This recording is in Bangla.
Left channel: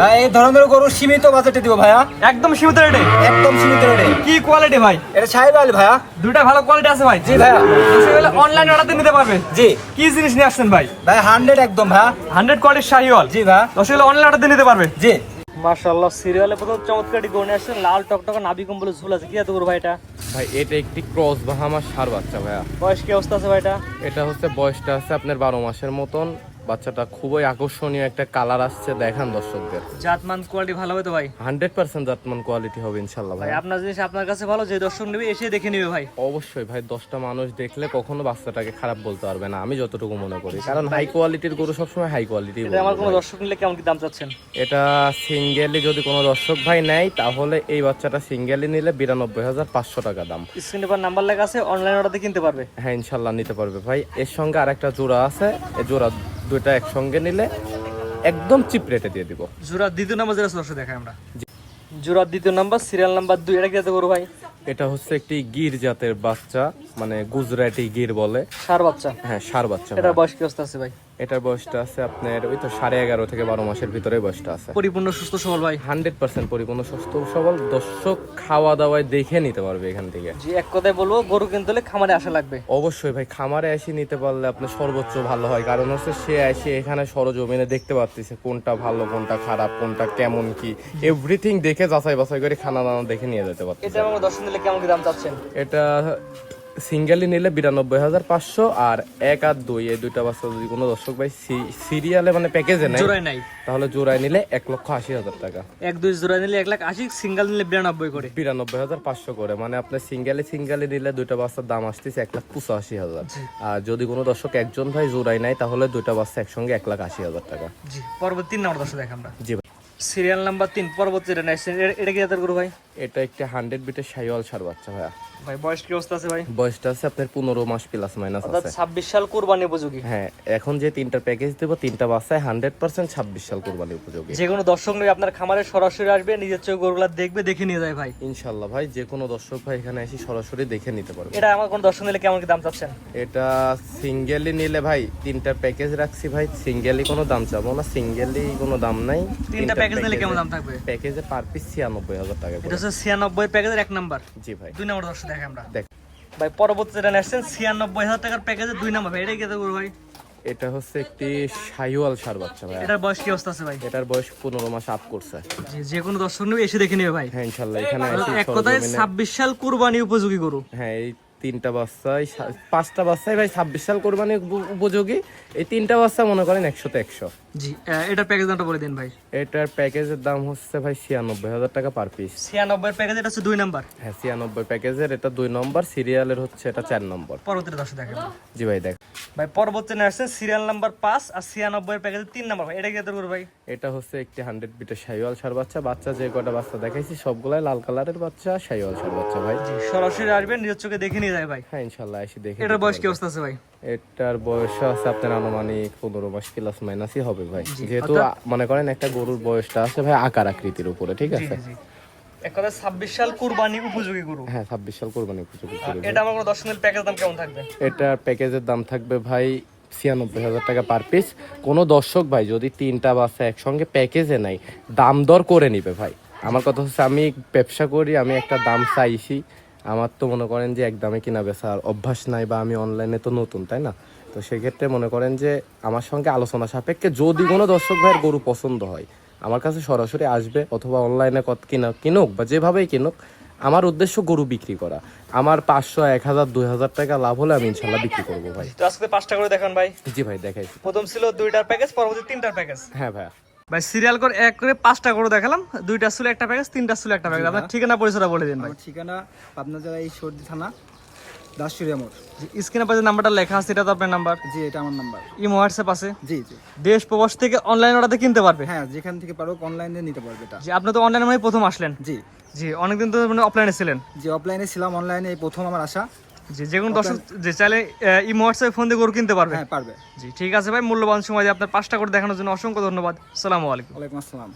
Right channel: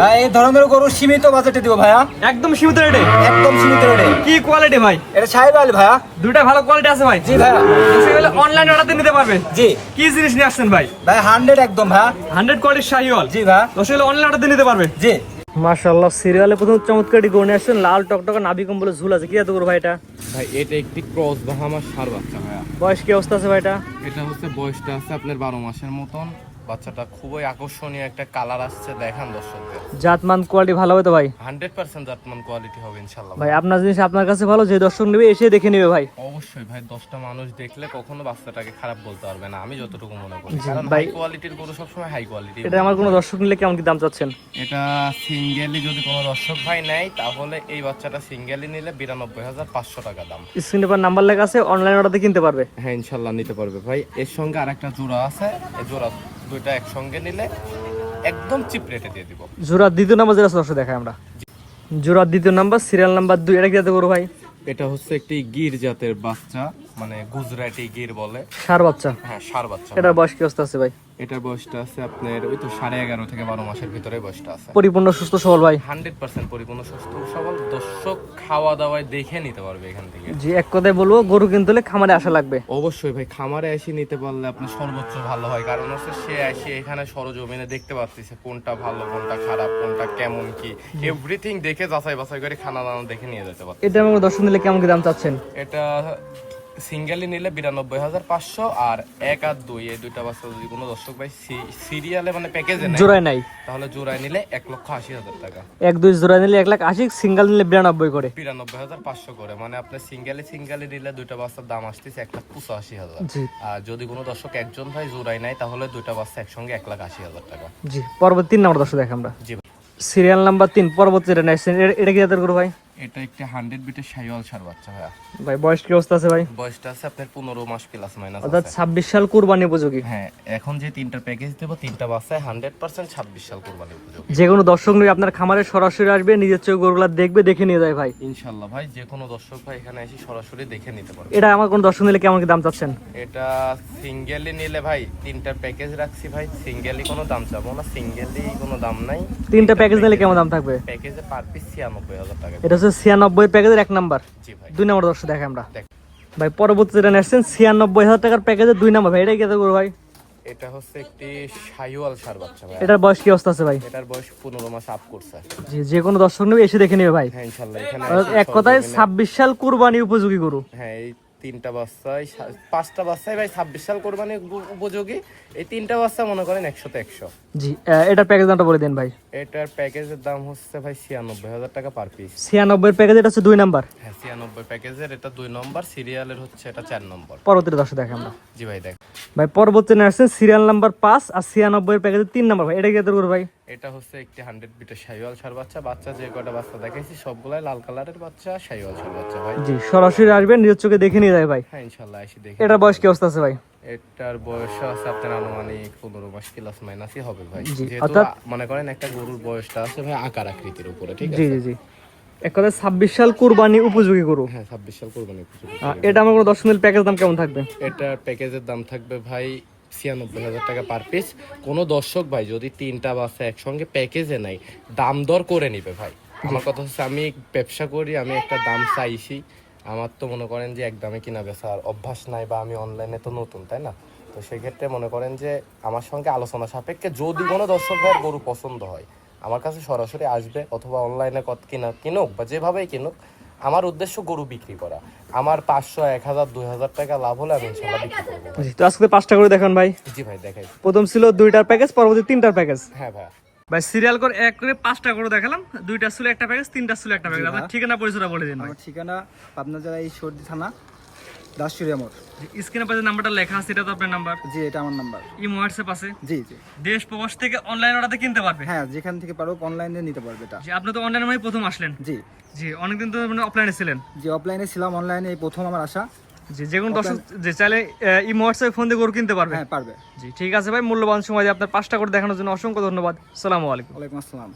ভাই এই ধরনের গরু সীমিত বাজেটে দিব ভাইয়া, একদম সীমিত রেটে। একদম সীমিত রেটে। কি কোয়ালিটি ভাই? এটা সাহিওয়াল ভাইয়া। দুইটা ভালো কোয়ালিটি আছে ভাই। জি ভাইয়া। অনলাইন অর্ডার নিতে পারবে। জি কি জিনিস নিয়ে আসছেন ভাই? ভাই 100 একদম ভাইয়া। 100 কোয়ালিটির শাহিওয়াল। জি ভাইয়া। দর্শক অনলাইন অর্ডার নিতে পারবে। জি মাশাআল্লাহ, সিরিয়ালে প্রথম চমৎকার গরু নিয়ে আসছেন, লাল টকটকা নাভি কম্বলে ঝুল আছে। কি এত গরু ভাই এটা? ভাই এটা একটি ক্রস বাহামার ষাঁড় বাচ্চা ভাইয়া। বয়স কি অবস্থা আছে ভাই এটা? এটা হচ্ছে বয়সটা আছে আপনার 12 মাসের মতন। বাচ্চাটা খুবই আকর্ষণীয় একটা কালার আসছে, দেখান দর্শকদের। জাতমান কোয়ালিটি ভালো হবে তো ভাই? 100% জাতমান কোয়ালিটি হবে ইনশাআল্লাহ ভাই ভাই। আপনার জিনিস আপনার কাছে ভালো, যে দর্শক নেবে এসে দেখে নেবে ভাই। অবশ্যই ভাই, 10টা মানুষ দেখলে কখনো বাচ্চাটাকে খারাপ বলতে পারবে না, আমি যতটুকু মনে করি। কারণ ভাই, হাই কোয়ালিটির গরু সবসময় হাই কোয়ালিটি। এটা আমার কোনো দর্শক নিলে কেমন কি দাম চাচ্ছেন? এটা সিঙ্গেলি যদি কোনো দর্শক ভাই নেয় তাহলে এই বাচ্চাটা সিঙ্গেলি নিলে 92,500 টাকা দাম। স্ক্রিনে পর নাম্বার লেখা আছে, অনলাইন অর্ডার কিনতে পারবে। হ্যাঁ ইনশাল্লাহ নিতে পারবে ভাই। এর সঙ্গে আরেকটা জোড়া আছে, এই জোড়া দুইটা একসঙ্গে নিলে একদম চিপ রেটে দিয়ে দিব। জোড়ার দ্বিতীয় নাম্বার যেটা সবসময় দেখায় আমরা, জোড়ার দ্বিতীয় নাম্বার, সিরিয়াল নাম্বার 2। এটা কি যাতে করবো ভাই? এটা হচ্ছে একটি গির জাতের বাচ্চা, মানে গুজরাটি গির বলে। ষাঁড় বাচ্চা। হ্যাঁ ষাঁড় বাচ্চা। এটার বয়স কি অবস্থা আছে ভাই? এটার বয়সটা আছে আপনার ওই তো 11.5 থেকে 12 মাসের ভিতরে বয়সটা আছে। পরিপূর্ণ সুস্থ সবল ভাই? 100% পরিপূর্ণ সুস্থ সবল। দর্শক খাওয়া দাওয়ায় দেখে নিতে পারবে এখান থেকে। জি, এক কথায় বলবো, গরু কিনতে হলে খামারে আসা লাগবে। অবশ্যই ভাই, খামারে এসে নিতে পারলে আপনার সর্বোচ্চ ভালো হয়। কারণ হচ্ছে সে এসে এখানে সরজমিনে দেখতে পারতেছে কোনটা ভালো কোনটা খারাপ কোনটা কেমন কি এভরিথিং দেখে যাচাই বাছাই করে খানা দানা দেখে নিয়ে যেতে পারবে। এটা আমার দর্শক নিলে কেমন কি দাম চাচ্ছেন? এটা সিঙ্গেলি নিলে 92,500, আর 1 আর 2 এই দুইটা বাচ্চা যদি কোনো দর্শক ভাই সিরিয়ালে মানে প্যাকেজে নেয় জোড়ায় নাই, তাহলে জোড়ায় নিলে 1,80,000 টাকা। 1-2 জোড়ায় নিলে 1,80,000, সিঙ্গেল নিলে 92 করে। 92,500 করে, মানে আপনার সিঙ্গেলি নিলে দুইটা বাচ্চার দাম আসতেছে 1,85,000। জি আর যদি কোনো দর্শক একজন ভাই জোড়ায় নেয় তাহলে দুইটা বাচ্চা একসঙ্গে 1,80,000 টাকা। জি, পরবর্তী 3 নাম্বার দর্শক দেখে আমরা। জি ভাই। সিরিয়াল নাম্বার 3, পরবর্তী এটা নেক্সট। এটা কি জাতের গরু ভাই? এটা একটি 100 বিটের শাহিওয়াল ষাঁড় বাচ্চা ভাইয়া। ভাই বয়স কি অবস্থা আছে ভাই? বয়সটা আছে আপনার 15 মাস প্লাস মাইনাস অর্থাৎ আছে। 26 সাল কুরবানি উপযোগী। হ্যাঁ, এখন যে তিনটা প্যাকেজ দেবো তিনটা বাচ্চায় 100% 26 সাল কোরবানি উপযোগী। যে কোনো দর্শক নিয়ে আপনার খামারে সরাসরি আসবে, নিজের চোখে গরুগুলা দেখবে, দেখে নিয়ে যায় ভাই। ইনশাল্লাহ ভাই, যে কোনো দর্শক ভাই এখানে এসে সরাসরি দেখে নিতে পারবে। এটা আমার কোন দর্শক নিলে কেমন কি দাম চাচ্ছেন? এটা সিঙ্গেলি নিলে ভাই তিনটা প্যাকেজ রাখছি ভাই, সিঙ্গেলি কোনো দাম চাবো না, সিঙ্গেলি কোনো দাম নাই। 3টা প্যাকেজ নিলে কেমন দাম থাকবে? প্যাকেজে পার পিস 96,000 টাকা। এটা হচ্ছে 96 প্যাকেজের 1 নাম্বার। জি ভাই। 2 নাম্বার দর্শক দেখে আমরা। দেখ। ভাই পরবর্তী যেটা নেছেন 96,000 টাকার প্যাকেজের 2 নাম্বার। ভাই এটা কি করবো ভাই? এটা হচ্ছে একটি শাহিওয়াল ষাঁড় বাচ্চা ভাই। এটার বয়স কি অবস্থা আছে ভাই? এটার বয়স 15 মাস আপ করছে। জি, যে কোনো দর্শক নেবে এসে দেখে নেবে ভাই। হ্যাঁ ইনশাল্লাহ এখানে অর্থাৎ এক কথায় 26 সাল কুরবানি উপযোগী গরু। হ্যাঁ এই তিনটা বাচ্চাই 5টা বাচ্চাই ভাই 26 সাল কোরবানি উপযোগী। এই তিনটা বাচ্চা মনে করেন 100তে 100। জি, এটার প্যাকেজ দামটা বলে দিন ভাই। এটার প্যাকেজের দাম হচ্ছে ভাই 96,000 টাকা পার পিস। 96 প্যাকেজ, এটা হচ্ছে 2 নাম্বার। হ্যাঁ 96 প্যাকেজের এটা 2 নম্বর, সিরিয়ালের হচ্ছে এটা 4 নম্বর। পরবর্তী দর্শক দেখে আমরা। জি ভাই দেখ। ভাই পরবর্তী নেছেন সিরিয়াল নাম্বার 5 আর 96 প্যাকেজের 3 নাম্বার। ভাই এটা কি করবো ভাই? এটা হচ্ছে একটি 100 বিটের শাহিওয়াল ষাঁড় বাচ্চা। বাচ্চা যে কটা বাচ্চা দেখাইছি সবগুলাই লাল কালারের বাচ্চা, শাহিওয়াল ষাঁড় বাচ্চা ভাই। জি, সরাসরি আসবেন, নিজের চোখে দেখে নিয়ে যায় ভাই। হ্যাঁ ইনশাল্লাহ এসে দেখে। এটার বয়স কি অবস্থা আছে ভাই? এটার বয়স আছে আপনার আনুমানিক 15 মাস প্লাস মাইনাসই হবে ভাই। জি, যেহেতু অর্থাৎ- মনে করেন একটা গরুর বয়সটা আছে ভাই আকার আকৃতির উপরে, ঠিক জি আছে? জি জি, এক কথায় 26 সাল কুরবানি উপযোগী গরু। হ্যাঁ 26 সাল কোরবানি উপযোগী। আর এটা আমার কোনো 10 মিনিট প্যাকেজ দাম কেমন থাকবে? এটা প্যাকেজের দাম থাকবে ভাই 96,000 টাকা পার পিস। কোনো দর্শক ভাই যদি তিনটা বাচ্চা একসঙ্গে প্যাকেজে নাই দাম দর করে নিবে ভাই। আমার কথা হচ্ছে আমি ব্যবসা করি, আমি একটা দাম চাইছি। আমার তো মনে করেন যে এক দামে কিনা বেচা অভ্যাস নাই, বা আমি অনলাইনে তো নতুন, তাই না? তো সেক্ষেত্রে মনে করেন যে আমার সঙ্গে আলোচনা সাপেক্ষে যদি কোনো দর্শক ভাইয়ের গরু পছন্দ হয় আমার কাছে সরাসরি আসবে, অথবা অনলাইনে কত কিনুক বা যেভাবেই কিনুক। আমার উদ্দেশ্য গরু বিক্রি করা। আমার 500, 1,000, 2,000 টাকা লাভ হলে আমি ইনশাল্লাহ বিক্রি করবো ভাই। তো আজকে 5টা করে দেখান ভাই। জি ভাই দেখাই। প্রথম ছিল 2টার প্যাকেজ, পরবর্তী 3টার প্যাকেজ। হ্যাঁ ভাই। ভাই সিরিয়াল করে এক করে 5টা করে দেখালাম। 2টা ছিল একটা প্যাকেজ, 3টা ছিল একটা প্যাকেজ। আপনার ঠিকানা পরিচয়টা বলে দিন ভাই। আমার ঠিকানা পাবনা জেলা এই সর্দি থানা দাসুরিয়া মোড়। স্ক্রিনে পাশে নাম্বারটা লেখা আছে, এটা তো আপনার নাম্বার? জি এটা আমার নাম্বার। ইমো হোয়াটসঅ্যাপ আছে? জি জি। দেশ প্রবাস থেকে অনলাইন অর্ডারে কিনতে পারবে? হ্যাঁ যেখান থেকে পারো অনলাইনে নিতে পারবে এটা। জি, আপনি তো অনলাইনে মানে প্রথম আসলেন? জি জি, অনেকদিন তো মানে অফলাইনে ছিলেন? জি অফলাইনে ছিলাম, অনলাইনে এই প্রথম আমার আসা। জি, যে কোনো দর্শক যে চাইলে ইমো হোয়াটসঅ্যাপে ফোন দিয়ে গরু কিনতে পারবে? হ্যাঁ পারবে। জি ঠিক আছে ভাই, মূল্যবান সময় দিয়ে আপনার 5টা করে দেখানোর জন্য অসংখ্য ধন্যবাদ। আসসালামু আলাইকুম। ওয়ালাইকুম আসসালাম।